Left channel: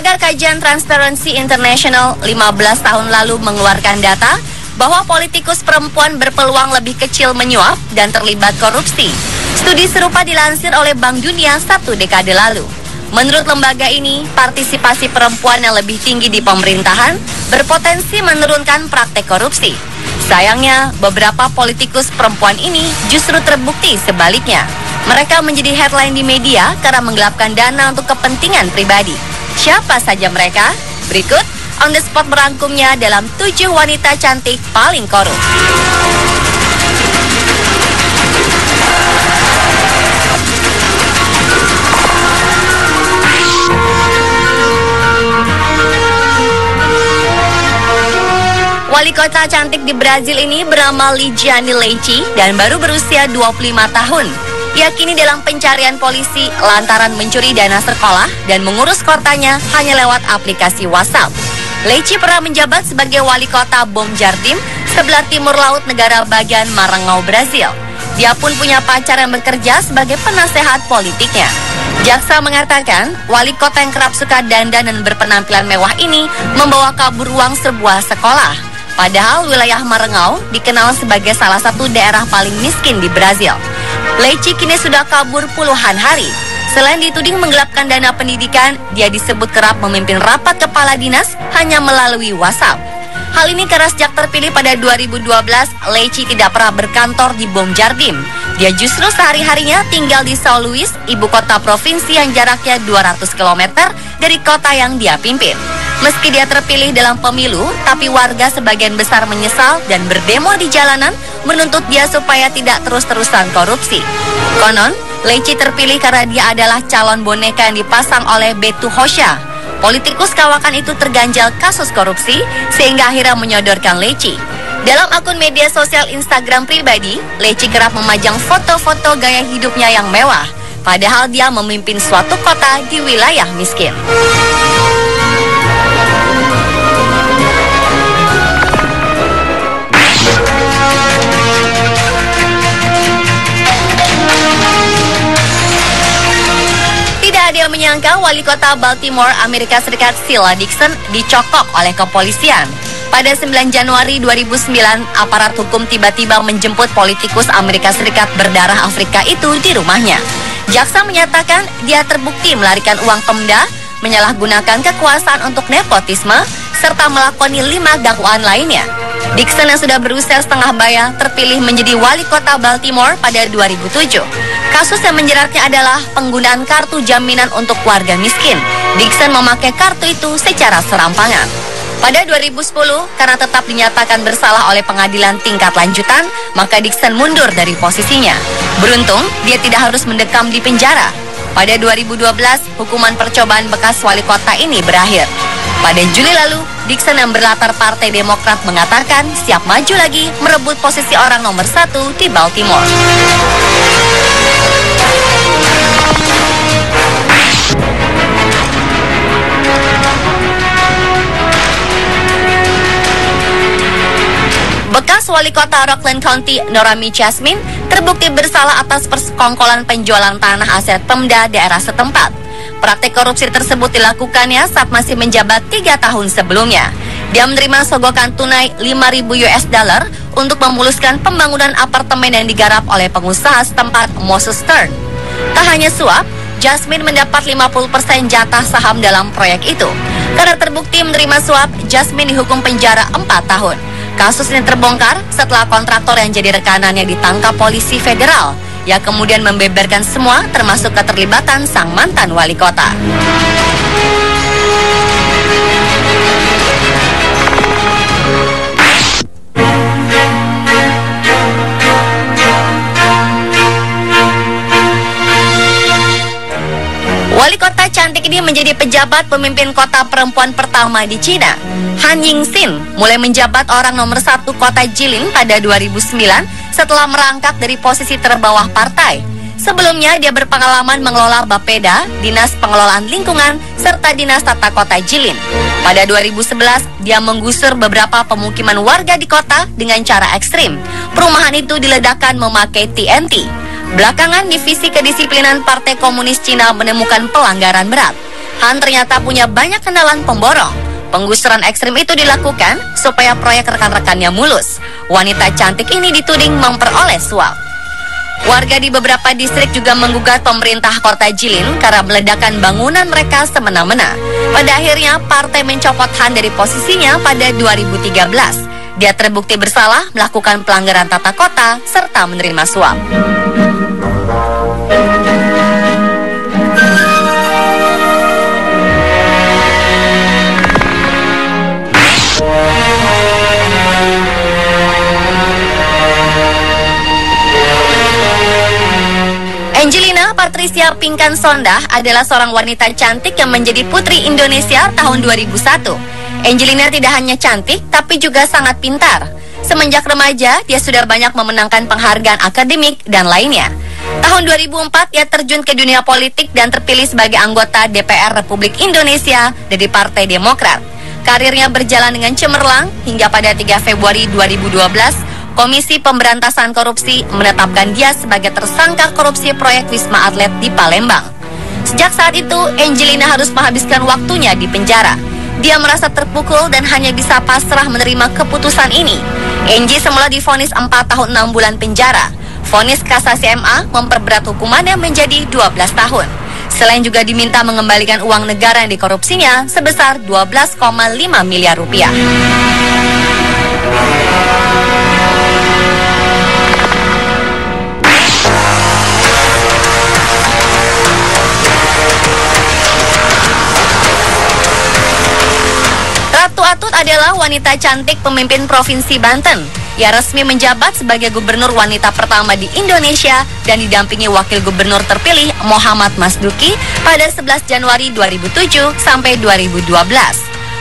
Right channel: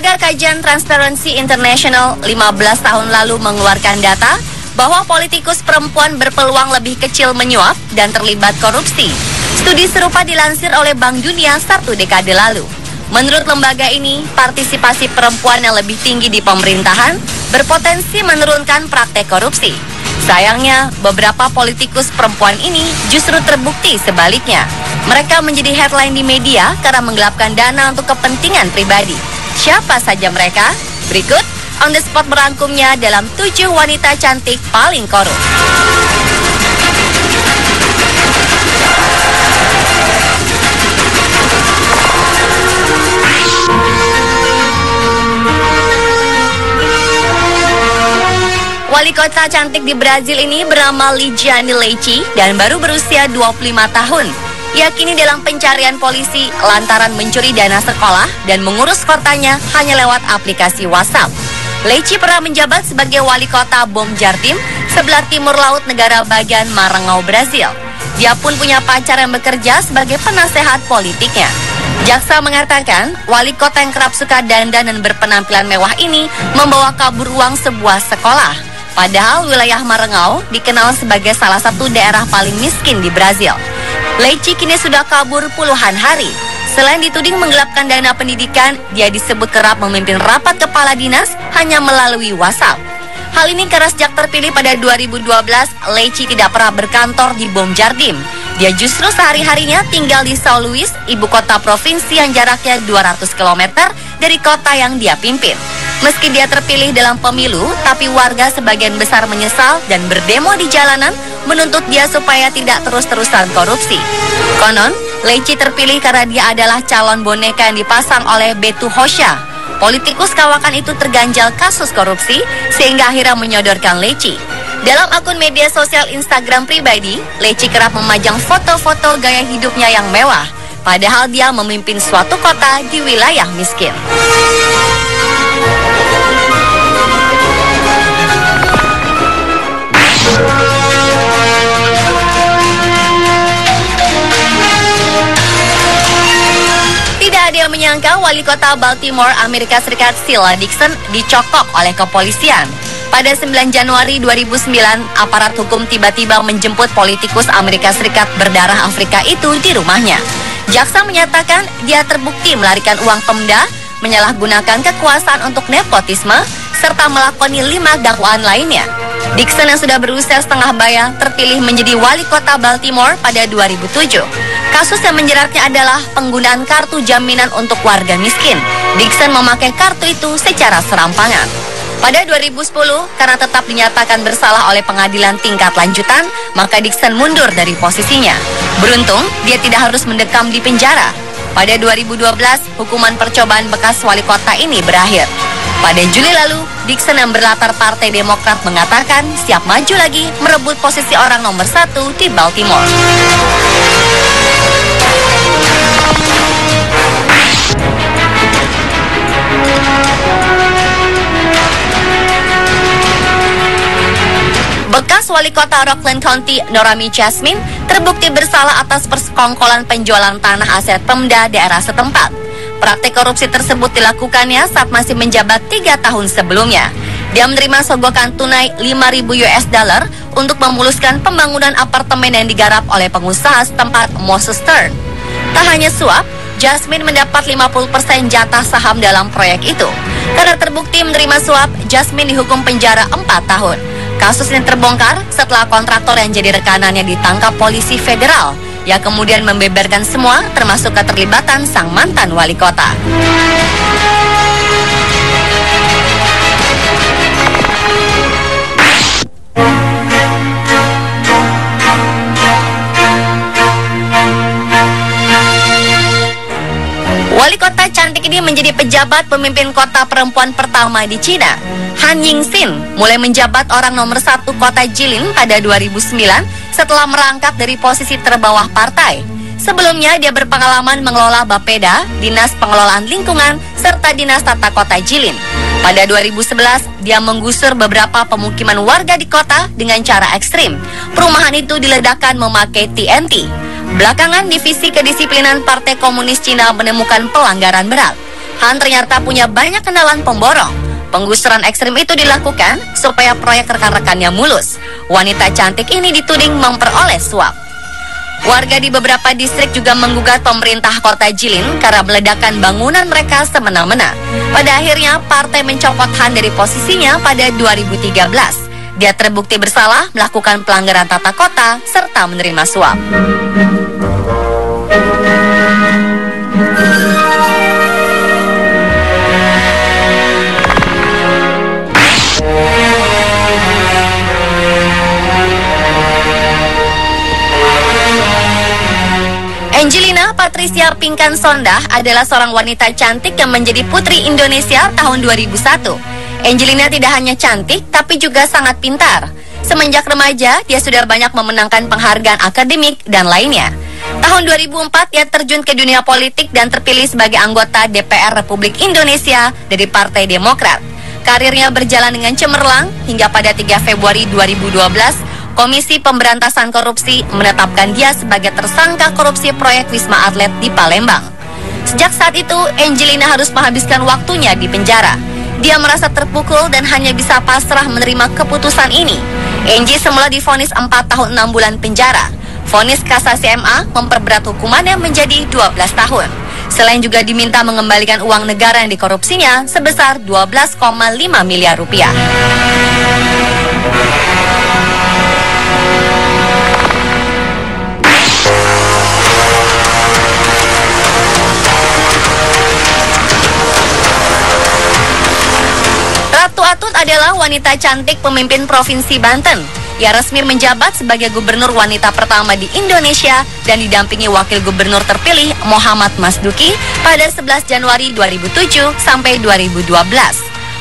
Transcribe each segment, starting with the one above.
Lembaga Kajian Transparency International 15 tahun lalu mengeluarkan data bahwa politikus perempuan berpeluang lebih kecil menyuap dan terlibat korupsi. Studi serupa dilansir oleh Bank Dunia 1 dekade lalu. Menurut lembaga ini, partisipasi perempuan yang lebih tinggi di pemerintahan berpotensi menurunkan praktek korupsi. Sayangnya, beberapa politikus perempuan ini justru terbukti sebaliknya. Mereka menjadi headline di media karena menggelapkan dana untuk kepentingan pribadi. Siapa saja mereka? Berikut On The Spot merangkumnya dalam 7 wanita cantik paling korup. Wali kota cantik di Brazil ini bernama Lidiane Leite dan baru berusia 25 tahun. Ia kini dalam pencarian polisi lantaran mencuri dana sekolah dan mengurus kotanya hanya lewat aplikasi WhatsApp. Leite pernah menjabat sebagai wali kota Bom Jardim, sebelah timur laut negara bagian Maranhão, Brazil. Dia pun punya pacar yang bekerja sebagai penasehat politiknya. Jaksa mengatakan, wali kota yang kerap suka dandan dan berpenampilan mewah ini membawa kabur uang sebuah sekolah. Padahal wilayah Maranhão dikenal sebagai salah satu daerah paling miskin di Brazil. Leite kini sudah kabur puluhan hari. Selain dituding menggelapkan dana pendidikan, dia disebut kerap memimpin rapat kepala dinas hanya melalui WhatsApp. Hal ini karena sejak terpilih pada 2012, Leite tidak pernah berkantor di Bom Jardim. Dia justru sehari-harinya tinggal di São Luís, ibu kota provinsi yang jaraknya 200 km dari kota yang dia pimpin. Meski dia terpilih dalam pemilu, tapi warga sebagian besar menyesal dan berdemo di jalanan menuntut dia supaya tidak terus-terusan korupsi. Konon, Leite terpilih karena dia adalah calon boneka yang dipasang oleh Beto Rocha. Politikus kawakan itu terganjal kasus korupsi sehingga akhirnya menyodorkan Leite. Dalam akun media sosial Instagram pribadi, Leite kerap memajang foto-foto gaya hidupnya yang mewah, padahal dia memimpin suatu kota di wilayah miskin. Tidak ada yang menyangka wali kota Baltimore, Amerika Serikat Sheila Dixon dicokok oleh kepolisian. Pada 9 Januari 2009, aparat hukum tiba-tiba menjemput politikus Amerika Serikat berdarah Afrika itu di rumahnya. Jaksa menyatakan dia terbukti melarikan uang Pemda, menyalahgunakan kekuasaan untuk nepotisme, serta melakoni 5 dakwaan lainnya. Dixon yang sudah berusia setengah baya terpilih menjadi wali kota Baltimore pada 2007. Kasus yang menjeratnya adalah penggunaan kartu jaminan untuk warga miskin. Dixon memakai kartu itu secara serampangan. Pada 2010, karena tetap dinyatakan bersalah oleh pengadilan tingkat lanjutan, maka Dixon mundur dari posisinya. Beruntung, dia tidak harus mendekam di penjara. Pada 2012, hukuman percobaan bekas wali kota ini berakhir. Pada Juli lalu, Dixon yang berlatar Partai Demokrat mengatakan siap maju lagi merebut posisi orang nomor 1 di Baltimore. Bekas wali kota Rockland County, Noramy Jasmine, terbukti bersalah atas persekongkolan penjualan tanah aset Pemda daerah setempat. Praktik korupsi tersebut dilakukannya saat masih menjabat 3 tahun sebelumnya. Dia menerima sogokan tunai 5.000 US dollar untuk memuluskan pembangunan apartemen yang digarap oleh pengusaha setempat Moses Stern. Tak hanya suap, Jasmine mendapat 50% jatah saham dalam proyek itu. Karena terbukti menerima suap, Jasmine dihukum penjara 4 tahun. Kasus ini terbongkar setelah kontraktor yang jadi rekanannya ditangkap polisi federal. Ia kemudian membeberkan semua termasuk keterlibatan sang mantan wali kota. Wali kota cantik ini menjadi pejabat pemimpin kota perempuan pertama di Cina. Han Yingxin mulai menjabat orang nomor 1 kota Jilin pada 2009 setelah merangkak dari posisi terbawah partai. Sebelumnya dia berpengalaman mengelola Bapeda, Dinas Pengelolaan Lingkungan, serta Dinas Tata Kota Jilin. Pada 2011, dia menggusur beberapa pemukiman warga di kota dengan cara ekstrim. Perumahan itu diledakkan memakai TNT. Belakangan, Divisi Kedisiplinan Partai Komunis Cina menemukan pelanggaran berat. Han ternyata punya banyak kenalan pemborong. Penggusuran ekstrim itu dilakukan supaya proyek rekan-rekannya mulus. Wanita cantik ini dituding memperoleh suap. Warga di beberapa distrik juga menggugat pemerintah Kota Jilin karena meledakan bangunan mereka semena-mena. Pada akhirnya, partai mencopot Han dari posisinya pada 2013. Dia terbukti bersalah melakukan pelanggaran tata kota serta menerima suap. Angelina Patricia Pinkan Sondah adalah seorang wanita cantik yang menjadi Putri Indonesia tahun 2001. Angelina tidak hanya cantik, tapi juga sangat pintar. Semenjak remaja, dia sudah banyak memenangkan penghargaan akademik dan lainnya. Tahun 2004, ia terjun ke dunia politik dan terpilih sebagai anggota DPR Republik Indonesia dari Partai Demokrat. Karirnya berjalan dengan cemerlang hingga pada 3 Februari 2012, Komisi Pemberantasan Korupsi menetapkan dia sebagai tersangka korupsi proyek Wisma Atlet di Palembang. Sejak saat itu, Angelina harus menghabiskan waktunya di penjara. Dia merasa terpukul dan hanya bisa pasrah menerima keputusan ini. Angie semula divonis 4 tahun 6 bulan penjara. Vonis kasasi MA memperberat hukumannya menjadi 12 tahun. Selain juga diminta mengembalikan uang negara yang dikorupsinya sebesar 12,5 miliar rupiah. Ratu Atut adalah wanita cantik pemimpin Provinsi Banten. Ia resmi menjabat sebagai gubernur wanita pertama di Indonesia dan didampingi wakil gubernur terpilih Muhammad Masduki pada 11 Januari 2007 sampai 2012.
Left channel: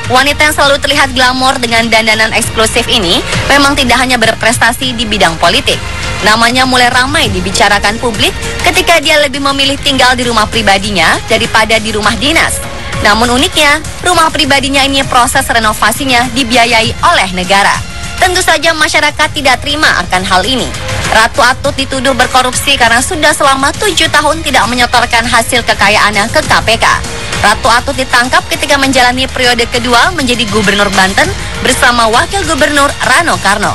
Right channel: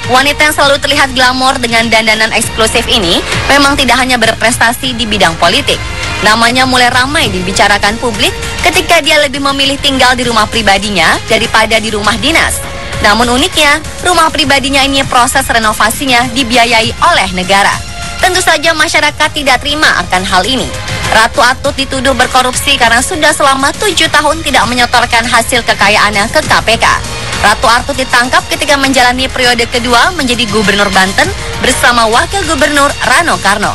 Wanita yang selalu terlihat glamor dengan dandanan eksklusif ini memang tidak hanya berprestasi di bidang politik. Namanya mulai ramai dibicarakan publik ketika dia lebih memilih tinggal di rumah pribadinya daripada di rumah dinas. Namun uniknya, rumah pribadinya ini proses renovasinya dibiayai oleh negara. Tentu saja masyarakat tidak terima akan hal ini. Ratu Atut dituduh berkorupsi karena sudah selama 7 tahun tidak menyetorkan hasil kekayaannya ke KPK. Ratu Atut ditangkap ketika menjalani periode kedua menjadi gubernur Banten bersama wakil gubernur Rano Karno.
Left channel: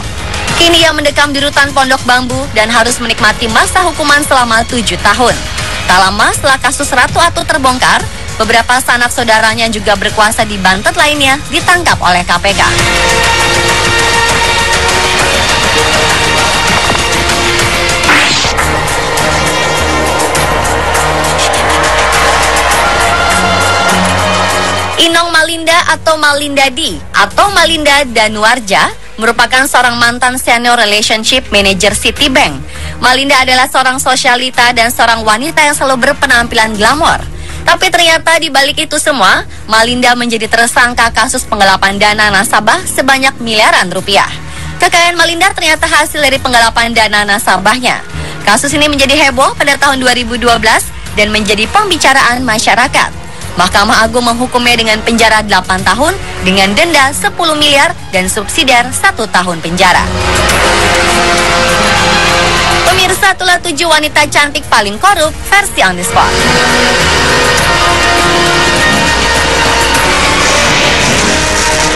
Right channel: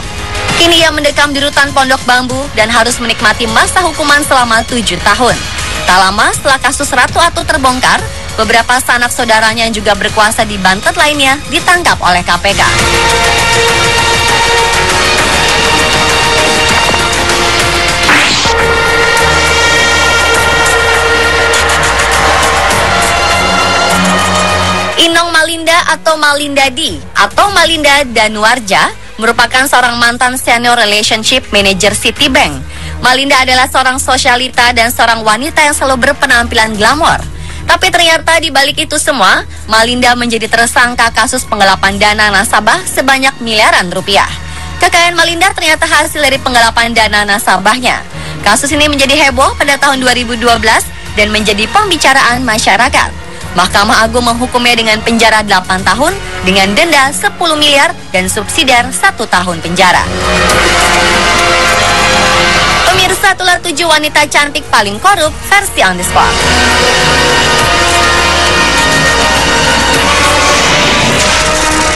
Kini ia mendekam di rutan Pondok Bambu dan harus menikmati masa hukuman selama 7 tahun. Tak lama setelah kasus Ratu Atut terbongkar, beberapa sanak saudaranya juga berkuasa di Banten lainnya ditangkap oleh KPK. Inong Malinda atau Malinda D atau Malinda Danuarja merupakan seorang mantan senior relationship manager Citibank. Malinda adalah seorang sosialita dan seorang wanita yang selalu berpenampilan glamor. Tapi ternyata di balik itu semua, Malinda menjadi tersangka kasus penggelapan dana nasabah sebanyak miliaran rupiah. Kekayaan Malinda ternyata hasil dari penggelapan dana nasabahnya. Kasus ini menjadi heboh pada tahun 2012 dan menjadi pembicaraan masyarakat. Mahkamah Agung menghukumnya dengan penjara 8 tahun dengan denda 10 miliar dan subsidiar 1 tahun penjara. Pemirsa, itulah 7 wanita cantik paling korup versi On The Spot.